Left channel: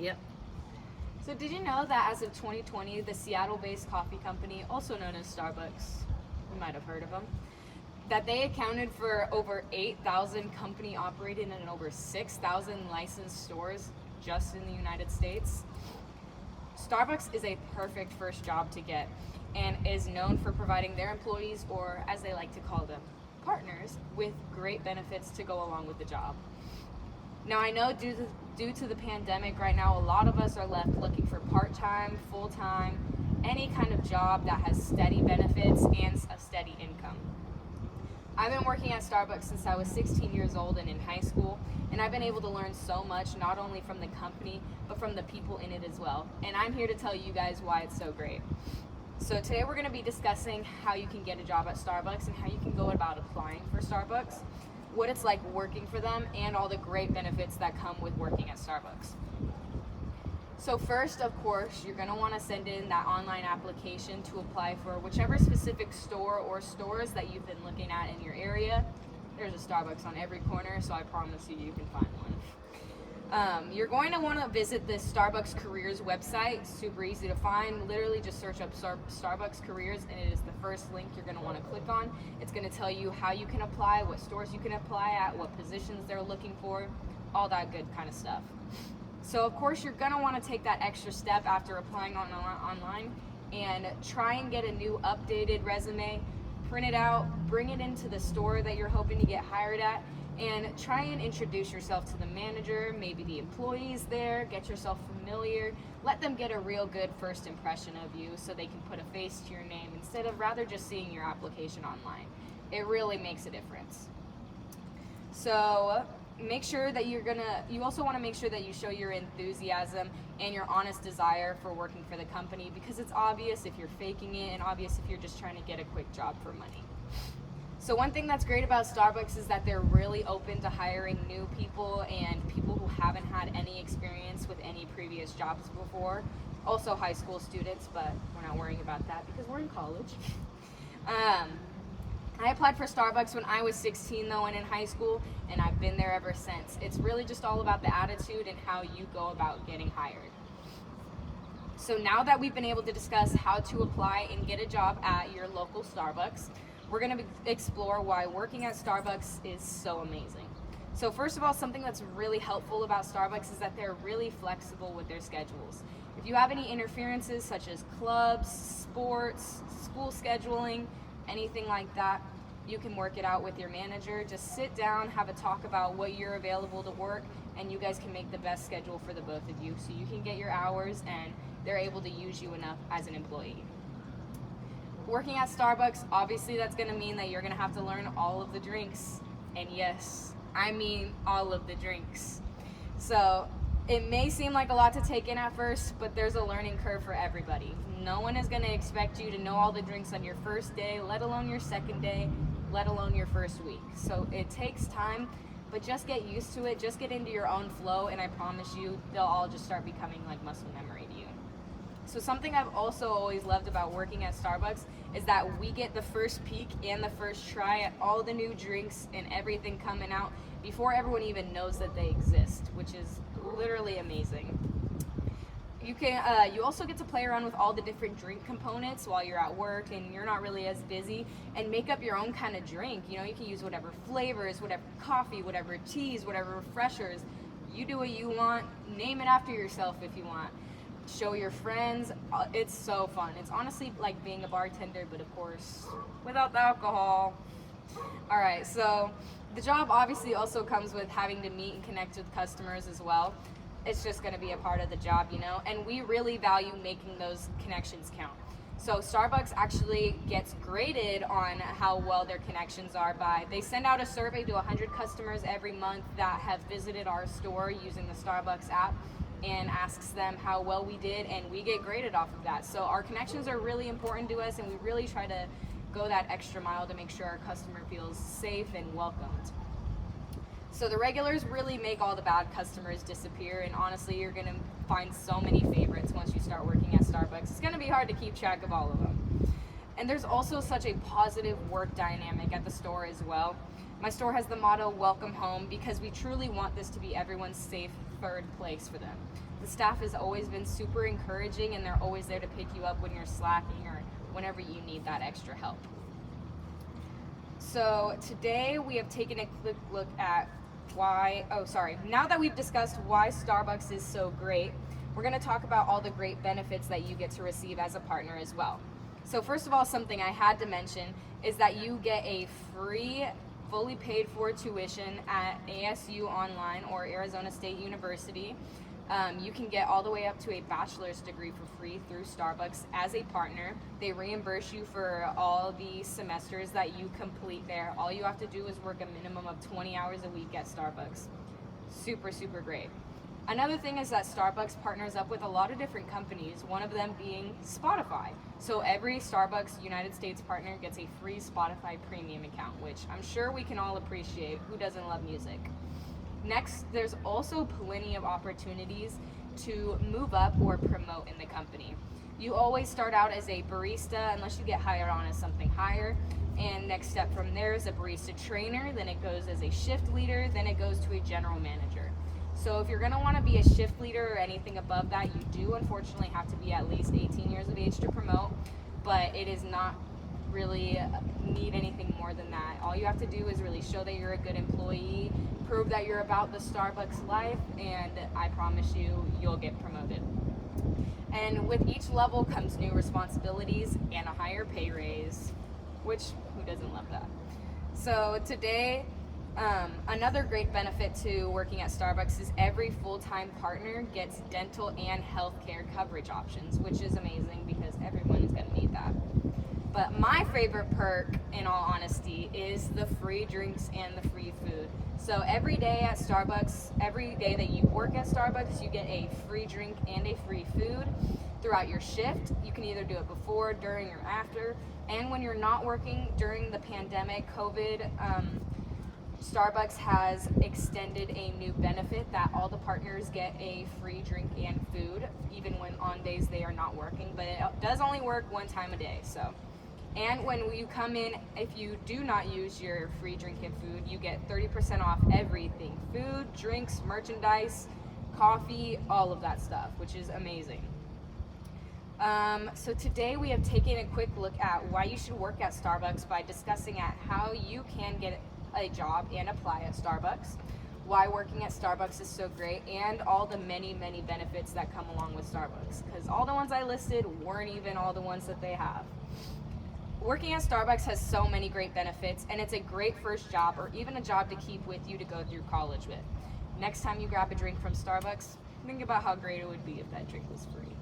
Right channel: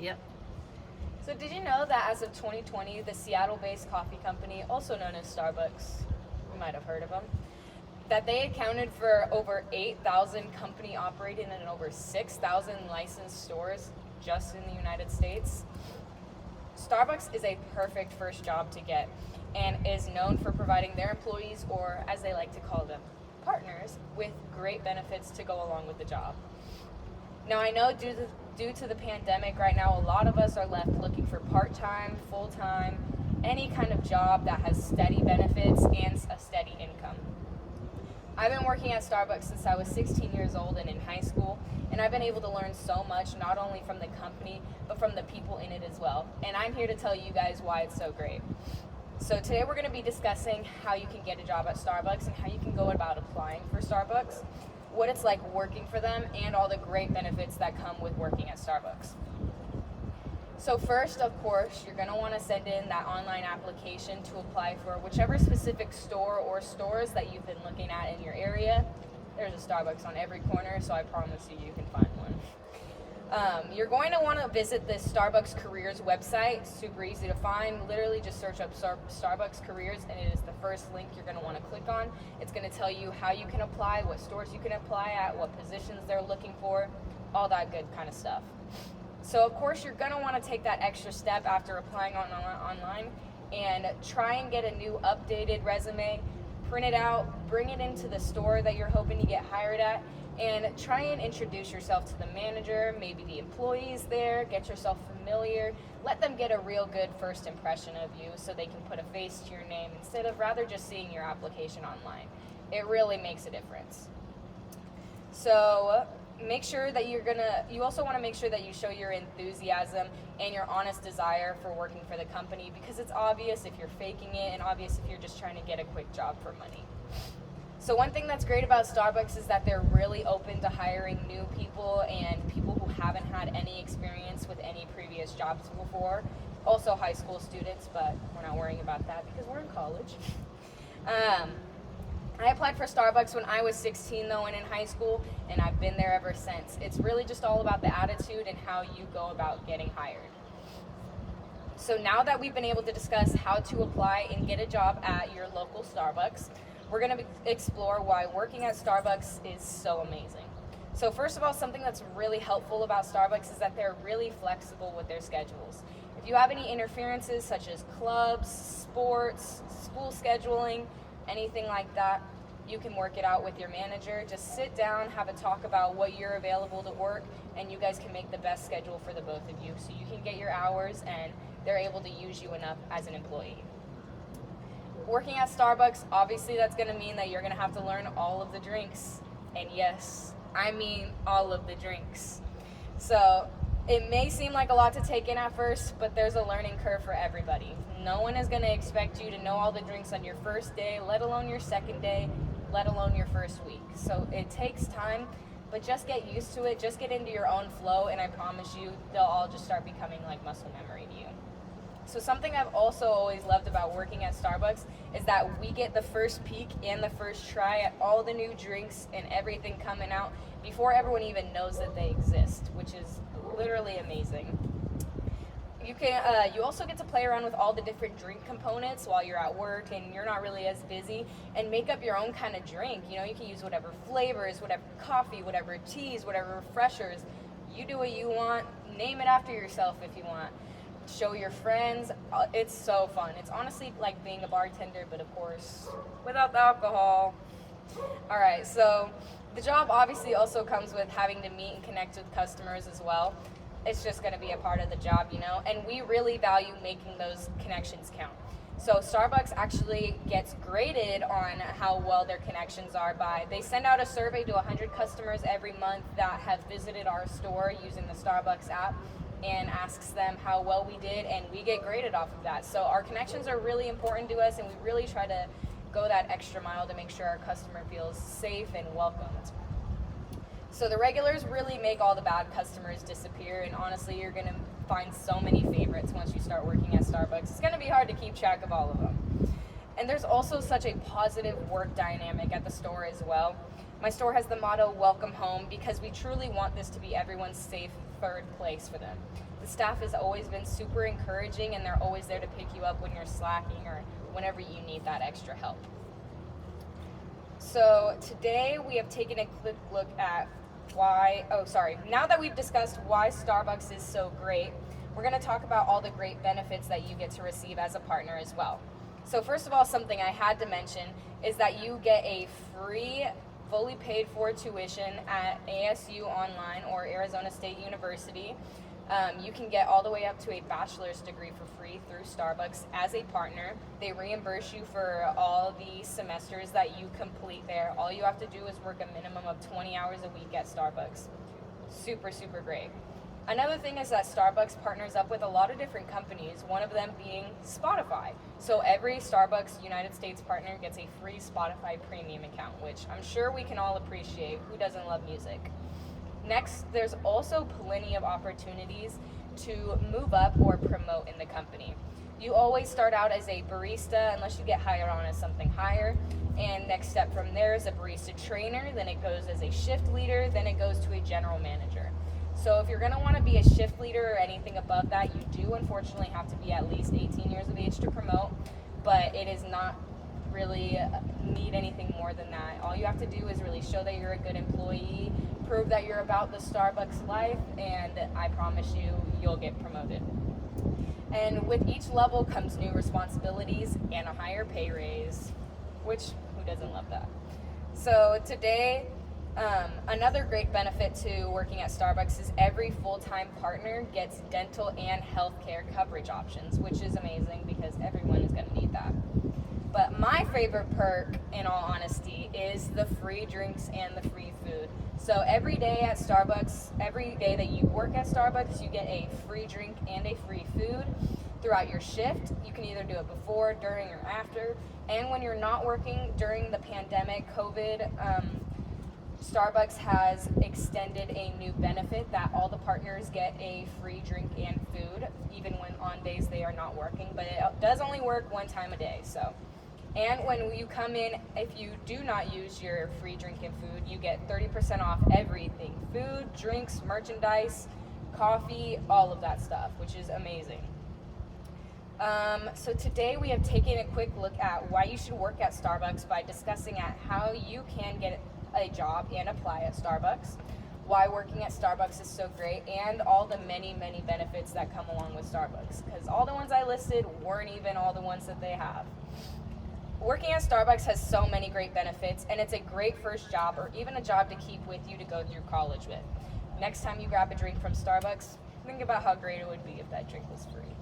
Yep. So did you know that as of 2020, the Seattle-based coffee company, also known as Starbucks, you might have heard of them, that they accounted for over 8,000 company operating in over 6,000 licensed stores just in the United States? Starbucks is a perfect first job to get and is known for providing their employees, or as they like to call them, partners, with great benefits to go along with the job. Now I know due to the pandemic right now, a lot of us are left looking for part-time, full-time, any kind of job that has steady benefits and a steady income. I've been working at Starbucks since I was 16 years old and in high school, and I've been able to learn so much, not only from the company, but from the people in it as well. And I'm here to tell you guys why it's so great. So today we're going to be discussing how you can get a job at Starbucks and how you can go about applying for Starbucks, what it's like working for them, and all the great benefits that come with working at Starbucks. So first, of course, you're going to want to send in that online application to apply for whichever specific store or stores that you've been looking at in your area. There's a Starbucks on every corner, so I promise you can find one. You're going to want to visit the Starbucks Careers website. It's super easy to find. Literally just search up Starbucks Careers, and it is the first link you're going to want to click on. It's going to tell you how you can apply, what stores you can apply at, what positions they're looking for, all that good kind of stuff. So of course you're going to want to take that extra step after applying online and try and get a new updated resume, print it out, bring it into the store that you're hoping to get hired at, and try and introduce yourself to the manager, maybe the employees there, get yourself familiar, let them get a real good first impression of you so they can put a face to your name instead of rather just seeing your application online. It really makes a difference. So make sure that you also want to make sure that you show your enthusiasm and your honest desire for working for the company, because it's obvious if you're faking it and obvious if you're just trying to get a quick job for money. So one thing that's great about Starbucks is that they're really open to hiring new people and people who haven't had any experience with any previous jobs before. Also high school students, but we're not worrying about that because we're in college. I applied for Starbucks when I was 16 though, and in high school, and I've been there ever since. It's really just all about the attitude and how you go about getting hired. So now that we've been able to discuss how to apply and get a job at your local Starbucks, we're going to explore why working at Starbucks is so amazing. So first of all, something that's really helpful about Starbucks is that they're really flexible with their schedules. If you have any interferences such as clubs, sports, school scheduling, anything like that, you can work it out with your manager. Just sit down, have a talk about what you're available to work, and you guys can make the best schedule for the both of you so you can get your hours and they're able to use you enough as an employee. Working at Starbucks, obviously that's going to mean that you're going to have to learn all of the drinks. And yes, I mean all of the drinks. So it may seem like a lot to take in at first, but there's a learning curve for everybody. No one is going to expect you to know all the drinks on your first day, let alone your second day, let alone your first week. So it takes time, but just get used to it, just get into your own flow, and I promise you, they'll all just start becoming like muscle memory to you. So something I've also always loved about working at Starbucks is that we get the first peek and the first try at all the new drinks and everything coming out before everyone even knows that they exist, which is literally amazing. You also get to play around with all the different drink components while you're at work and you're not really as busy, and make up your own kind of drink. You know, you can use whatever flavors, whatever coffee, whatever teas, whatever refreshers. You do what you want, name it after yourself if you want. Show your friends. It's so fun. It's honestly like being a bartender, but of course without the alcohol. Alright, so the job obviously also comes with having to meet and connect with customers as well. It's just going to be a part of the job, you know, and we really value making those connections count. So Starbucks actually gets graded on how well their connections are by, they send out a survey to 100 customers every month that have visited our store using the Starbucks app, and asks them how well we did, and we get graded off of that. So our connections are really important to us, and we really try to go that extra mile to make sure our customer feels safe and welcomed. So the regulars really make all the bad customers disappear, and honestly, you're going to find so many favorites once you start working at Starbucks. It's going to be hard to keep track of all of them. And there's also such a positive work dynamic at the store as well. My store has the motto, welcome home, because we truly want this to be everyone's safe third place for them. The staff has always been super encouraging, and they're always there to pick you up when you're slacking or whenever you need that extra help. So today we have taken a quick look at now that we've discussed why Starbucks is so great, we're going to talk about all the great benefits that you get to receive as a partner as well. So first of all, something I had to mention is that you get a free, fully paid for tuition at ASU Online or Arizona State University. You can get all the way up to a bachelor's degree for free through Starbucks as a partner. They reimburse you for all the semesters that you complete there. All you have to do is work a minimum of 20 hours a week at Starbucks. Super, super great. Another thing is that Starbucks partners up with a lot of different companies, one of them being Spotify. So every Starbucks United States partner gets a free Spotify premium account, which I'm sure we can all appreciate. Who doesn't love music? Next, there's also plenty of opportunities to move up or promote in the company. You always start out as a barista unless you get hired on as something higher. And next step from there is a barista trainer, then it goes as a shift leader, then it goes to a general manager. So if you're going to want to be a shift leader or anything above that, you do unfortunately have to be at least 18 years of age to promote, but it is not really need anything more than that. All you have to do is really show that you're a good employee, prove that you're about the Starbucks life, and I promise you, you'll get promoted. And with each level comes new responsibilities and a higher pay raise, which who doesn't love that? So today, another great benefit to working at Starbucks is every full-time partner gets dental and healthcare coverage options, which is amazing because everyone is going to need that. But my favorite perk, in all honesty, is the free drinks and the free food. So every day at Starbucks, every day that you work at Starbucks, you get a free drink and a free food throughout your shift. You can either do it before, during, or after. And when you're not working during the pandemic, COVID, Starbucks has extended a new benefit that all the partners get a free drink and food, even when on days they are not working. But it does only work one time a day, so. And when you come in, if you do not use your free drink and food, you get 30% off everything. Food, drinks, merchandise, coffee, all of that stuff, which is amazing. So today we have taken a quick look at why you should work at Starbucks by discussing at how you can get a job and apply at Starbucks, why working at Starbucks is so great, and all the many, many benefits that come along with Starbucks, because all the ones I listed weren't even all the ones that they have. Working at Starbucks has so many great benefits, and it's a great first job or even a job to keep with you to go through college with. Next time you grab a drink from Starbucks, think about how great it would be if that drink was free.